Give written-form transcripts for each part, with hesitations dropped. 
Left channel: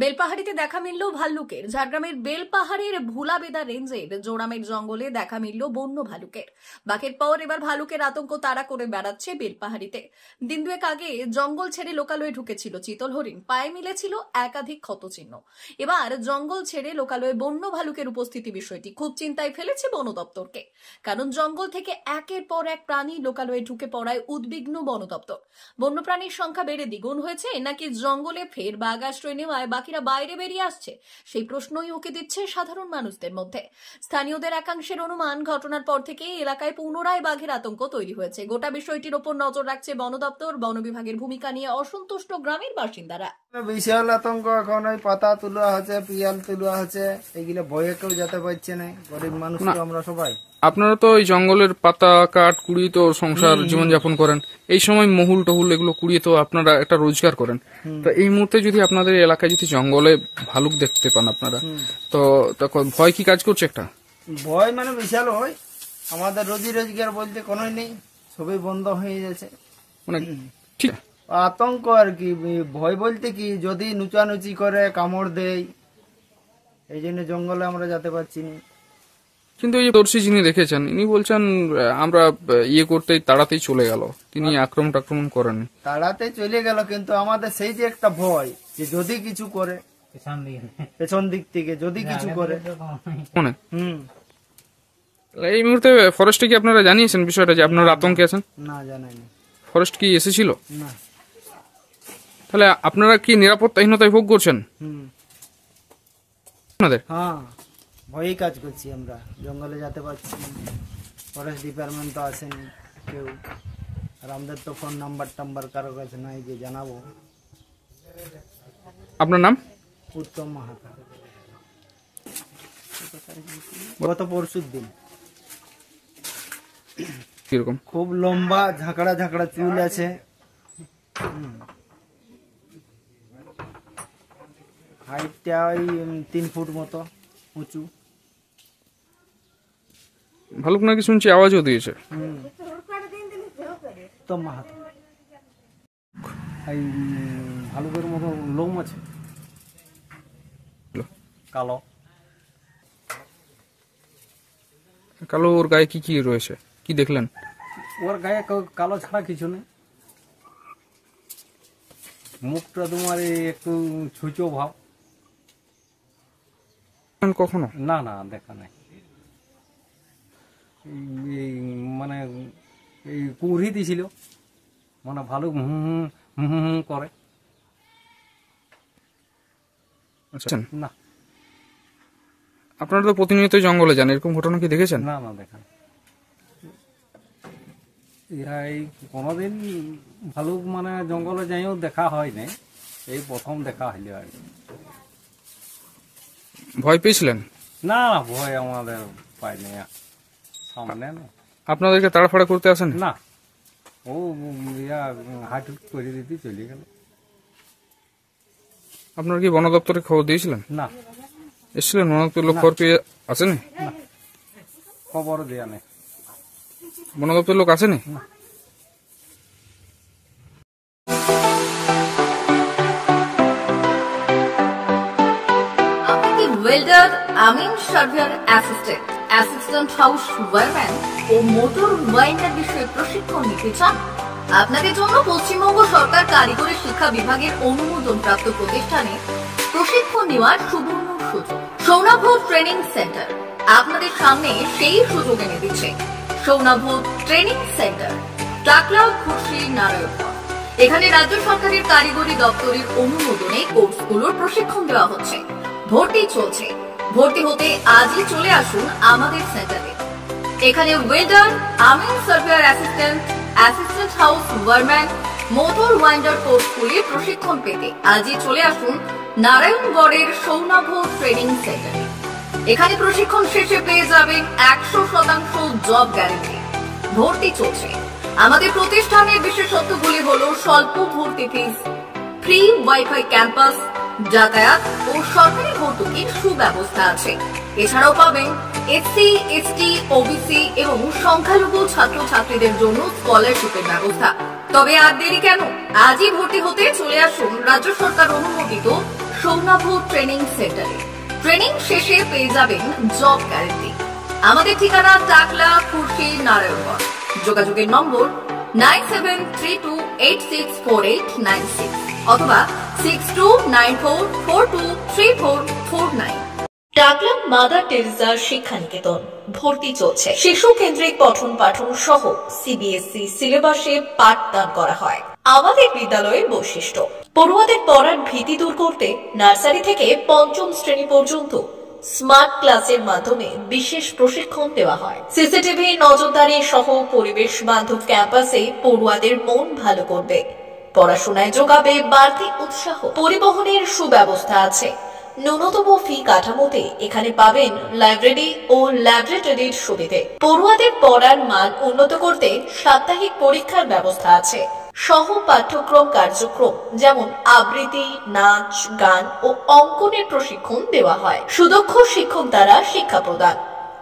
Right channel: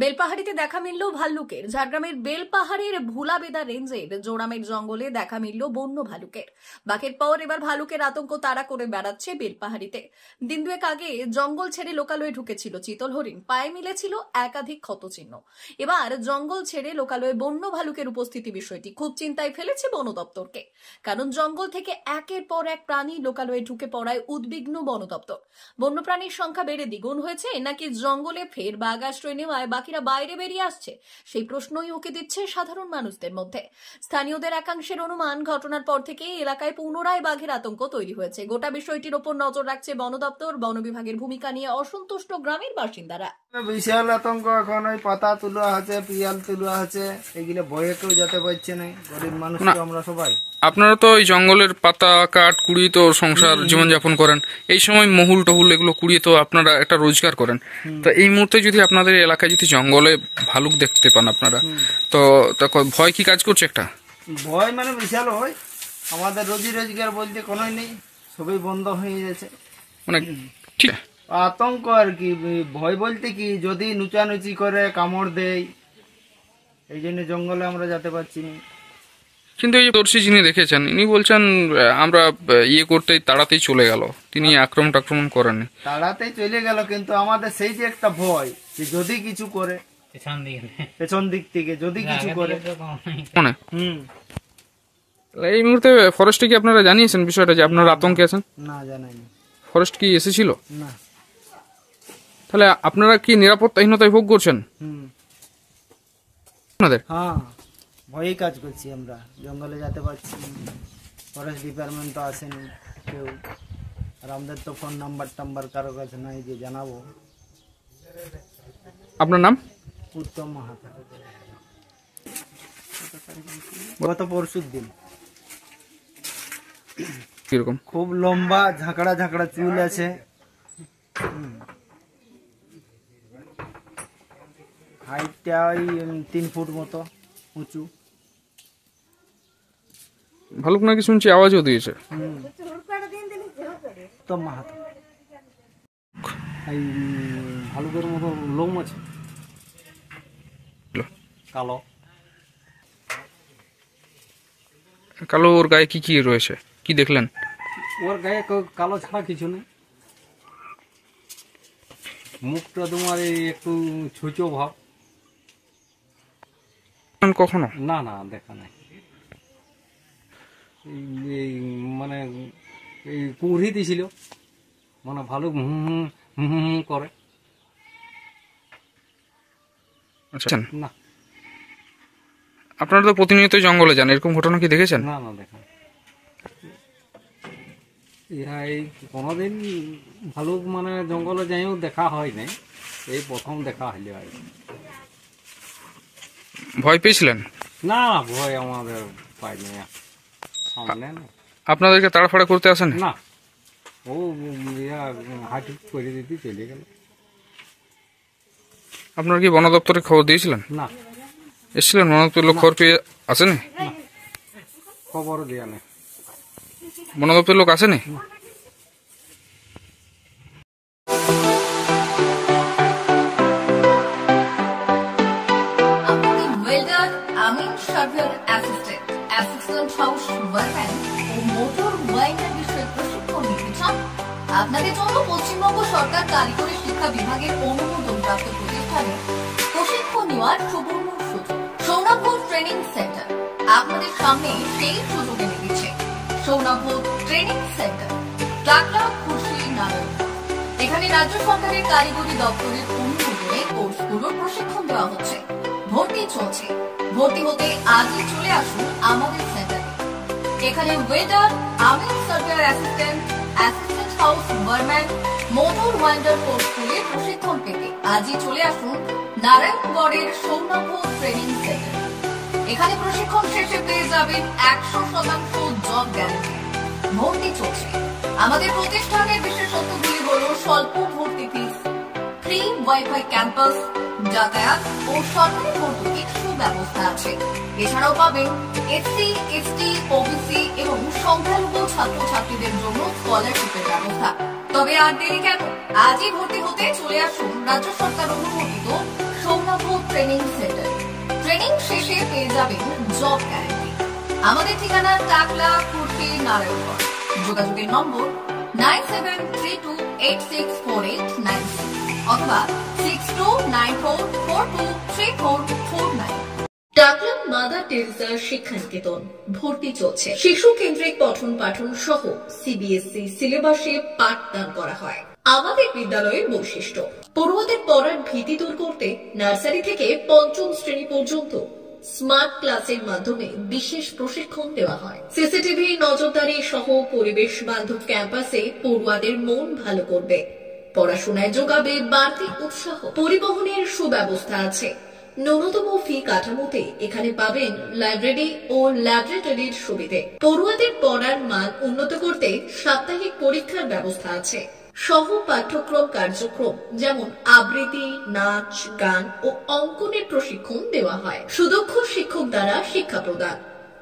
বেলপাহাড়িতে দেখা মিলল ভাল্লুকের। ঝাড়গ্রামের বেলপাহাড়ের ভুলাবেদা রেঞ্জের জোড়ামের জঙ্গলে দেখা মিলল বন্য ভালুকের। বাঘের পর এবার ভালুকের আতঙ্ক তাড়া করে বেড়াচ্ছে বেলপাহাড়িতে। দিন দুয়েক আগে জঙ্গল ছেড়ে লোকালয়ে ঢুকেছিল চিতল হরিণ, পায়ে মিলেছিল একাধিক ক্ষতচিহ্ন। এবার জঙ্গল ছেড়ে লোকালয়ে বন্য ভালুকের উপস্থিতি বিষয়টি খুব চিন্তায় ফেলেছে বন দপ্তরকে। কারণ জঙ্গল থেকে একের পর এক প্রাণী লোকালয়ে ঢুকে পড়ায় উদ্বিগ্ন বন দপ্তর। বন্যপ্রাণীর সংখ্যা বেড়ে দ্বিগুণ হয়েছে নাকি জঙ্গলে ফের বাঘ আশ্রয় নেওয়ায় বাকিরা বাইরে বেরিয়ে আসছে, সেই প্রশ্নই উকি দিচ্ছে সাধারণ মানুষদের মধ্যে। স্থানীয়দের একাংশের অনুমান, ঘটনার পর থেকে এলাকায় পুনরায় বাঘের আতঙ্ক তৈরি হয়েছে। গোটা বিষয়টির ওপর নজর রাখছে বন দপ্তর। বন বিভাগের ভূমিকা নিয়ে অসন্তুষ্ট গ্রামের বাসিন্দারা। বিশাল আতঙ্ক এখন, ওই পাতা তুলা আছে, পিয়াল তুলা আছে, এগুলো ভয়ে কেউ যেতে পারছে না। গরিব মানুষ আমরা সবাই। আপনারা তো ওই জঙ্গলের পাতা কাঠ কুড়িয়ে তো সংসার জীবনযাপন করেন, এই সময় মহুল টহুল এগুলো কুড়িয়ে তো আপনারা একটা রোজগার করেন। তো এই মুহূর্তে যদি আপনাদের এলাকায় যদি জঙ্গলে ভালুক দেখতে পান আপনারা, তো ভয় কি কাজ করছে? একটা ভয় মানে বিশাল হয়। আমাদের রোজি রোজগার বলতে কোনোই নেই, সবই বন্ধ হয়ে গেছে। মানে ঠিক আতঙ্ক আর কি। ভয় বলতে কি, যদি নুচানুচি করে কামড় দেয়, এই জন্য জঙ্গলে আমরা যেতে পারছি না। কিন্তু এই দর্শী যিনি দেখেছেন, ইনি বলছেন আমরা ইয়ে করতেই তাড়াতেই চলে গেল, তিনি আক্রমণ করেননি। তাড়াতেই চলে গেল, কিন্তু আমাদের সেই যে একটা ভয় যে যদি কিছু করে পেছন দিক থেকে যদি কিছু করে। এই মুহূর্তে ফরেস্টে কি আপনারা জানিয়েছেন বিষয়টা যে আপনারা আতঙ্কে আছেন? না, জানাইনি। ফরেস্ট কি এসেছিল? না। তাহলে আপনারা কি নিরাপত্তাহীনতায় ভোগ করছেন? আপনাদের হ্যাঁ, ভয়ই কাজ করছি আমরা, জঙ্গলে যেতে পারছি। ফরেস্ট ডিপার্টমেন্ট তো আসেনি কেউ, আর আমাদের তো ফোন নাম্বার কারো কাছে নাই যে জানাবো। আপনার নাম? উত্তম মাহাতো। গত পরশুর দিন। কিরকম? খুব লম্বা, ঝাঁকড়া ঝাঁকড়া চুল আছে। হাইটটা ওই 3 ফুট মতো উঁচু। ভালুক নাকি শুনছি আওয়াজও দিয়েছে। তো মাহাতো এই ভালুকের মতো লোম আছে, কালো কালো। ওর গায়ে কি কি রয়েছে, কি দেখলেন? ওর গায়ে কালো ছাড়া কিছু নেই। মুখটা তোমার একটু ছুঁচো ভাব। কখনো না না, দেখা নাই। মানে এই কুড়ি দিছিল, মানে ভালো করে। আচ্ছা, না। আপনারা তো প্রতিনিয়ত জঙ্গলে যান, এরকম ঘটনা কি দেখেছেন? না না, দেখা এই কোনোদিন ভালুক মানে জঙ্গলে যাইও দেখা হয় নাই, এই প্রথম দেখা হইলে আর। ভয় পেয়েছিলেন? না, ভয় আমাদের পাই নাই। সামনে না। আপনাদেরকে তাড়াফাড়া করতে আসেন? না, ও হাঁটি করে দিতে চলে গেল। আপনারা কি বন দপ্তরে খবর দিয়েছিলেন? না। এসেছিলেন বন দপ্তরের লোক? খবর পেয়ে আসেনি? খবর দেয়া নেই। বন দপ্তরের লোক আসেনি? ওয়েল্ডার, আমিন সার্ভেয়ার অ্যাসিস্ট্যান্ট হাউস ওয়ারম্যান ও মোটর ওয়াইন্ডার বিষয়ে প্রশিক্ষণ নিতে চান? আপনাদের জন্য পশ্চিমবঙ্গ সরকার কারিগরি শিক্ষা বিভাগের অনুমোদনপ্রাপ্ত প্রতিষ্ঠানে প্রশিক্ষণ নেওয়ার সুবর্ণ সুযোগ। সৌনাভ ট্রেনিং সেন্টার আপনাদের সামনে সেই সুযোগ এনে দিচ্ছে। সৌনাভ ট্রেনিং সেন্টার, টাকলা, খুশি, নারায়ণগঞ্জ। এখানে রাজ্য সরকারের কারিগরি দপ্তরের অনুমোদনে কোর্সগুলোর প্রশিক্ষণ দেওয়া হচ্ছে। ভর্তি চলছে। ভর্তি হতে আজই চলে আসুন আমাদের সেন্টারে। এখানে ওয়েল্ডার, আমিন surveyor assistant house wireman, motor winder কোর্সগুলি প্রশিক্ষণ পেতে আজই চলে আসুন নারায়ণগড়ের সৌনাভ ট্রেনিং সেন্টারে। এখানে প্রশিক্ষণ শেষে পেয়ে যাবেন 100% জব গ্যারেন্টি। ভর্তি চলছে। আমাদের প্রতিষ্ঠানের বিশেষত্বগুলি হলো স্বল্প ভর্তি ফিস, ফ্রি ওয়াইফাই ক্যাম্পাস, যাতায়াত ও সরকারি ভর্তুকির সুব্যবস্থা আছে। এছাড়াও পাবেন এসসি, এসটি, ওবিসি এবং সংখ্যালঘু ছাত্রছাত্রীদের জন্য স্কলারশিপের ব্যবস্থা। তবে আর দেরি কেন? আজই ভর্তি হতে চলে আসুন রাজ্য সরকার অনুমোদিত সৌনাভ ট্রেনিং সেন্টারে। ট্রেনিং শেষে পেয়ে যাবেন জব গ্যারান্টি। আমাদের ঠিকানা টাকলা, খুরশি, নারায়ণগঞ্জ। যোগাযোগের নম্বর 9732864896 অথবা 6294423449। টাকলা মাদার টেরেসা শিক্ষানিকেতন ভর্তি চলছে। শিশু কেন্দ্রিক পঠন পাঠন সহ সিবিএসই সিলেবাসে পাঠদান করা হয়। আমাদের বিদ্যালয়ের বৈশিষ্ট্য: পড়ুয়াদের পড়ার ভীতি দূর করতে নার্সারি থেকে পঞ্চম শ্রেণী পর্যন্ত স্মার্ট ক্লাসের মাধ্যমে বিশেষ প্রশিক্ষণ দেওয়া হয়। সিসিটিভি নজরদারি সহ পরিবেশ বান্ধব ক্যাম্পাসে পড়ুয়াদের মন ভালো করবে, পড়াশোনায় যোগাবে বাড়তি উৎসাহ। পরিবহনের সুব্যবস্থা আছে। ন্যূনতম ফি কাঠামোতে এখানে পাবেন লাইব্রেরি ও ল্যাবরেটরির সুবিধে। পড়ুয়াদের পড়ার মান উন্নত করতে সাপ্তাহিক পরীক্ষার ব্যবস্থা আছে। সহ পাঠ্যক্রম কার্যক্রম যেমন আবৃত্তি, নাচ, গান ও অঙ্কনের প্রশিক্ষণ দেওয়া হয়। সুদক্ষ শিক্ষক দ্বারা শিক্ষা প্রদান।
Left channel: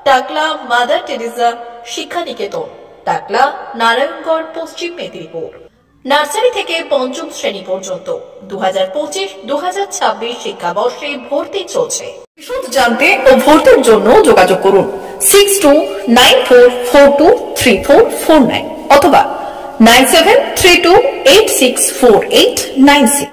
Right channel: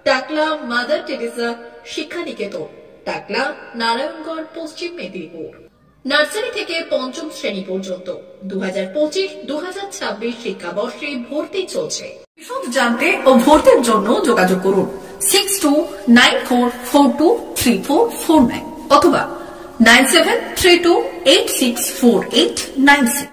টাকলা মাদার টেরেসা শিক্ষানিকেতন, টাকলা, নারায়ণগড়, পশ্চিম মেদিনীপুর। নার্সারি থেকে পঞ্চম শ্রেণী পর্যন্ত 2025-2026 শিক্ষাবর্ষে ভর্তি চলছে। বিশদ জানতে ও ভর্তির জন্য যোগাযোগ করুন 6294423449 অথবা 9732864896।